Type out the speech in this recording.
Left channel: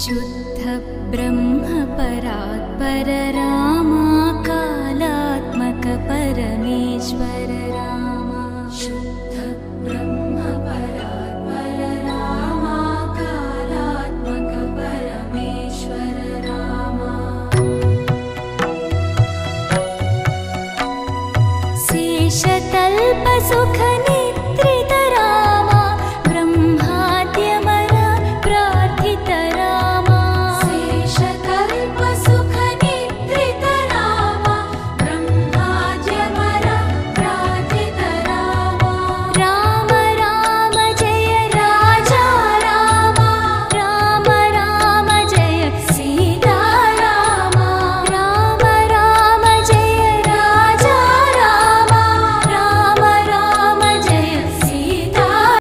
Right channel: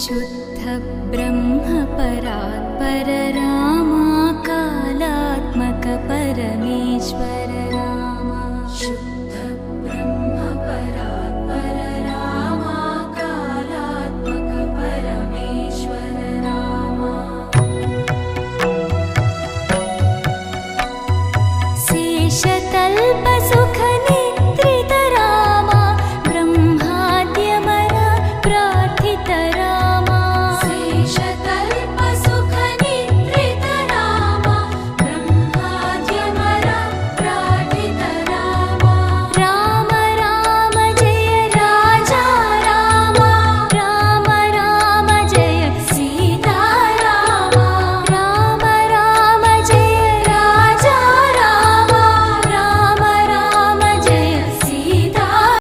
शुद्ध ब्रह्म परात्पर रामा कालात्मक परमेश्वर रामा शुद्ध ब्रह्म परात्पर रामा कालात्मक परमेश्वर रामा शेषतल्प सुख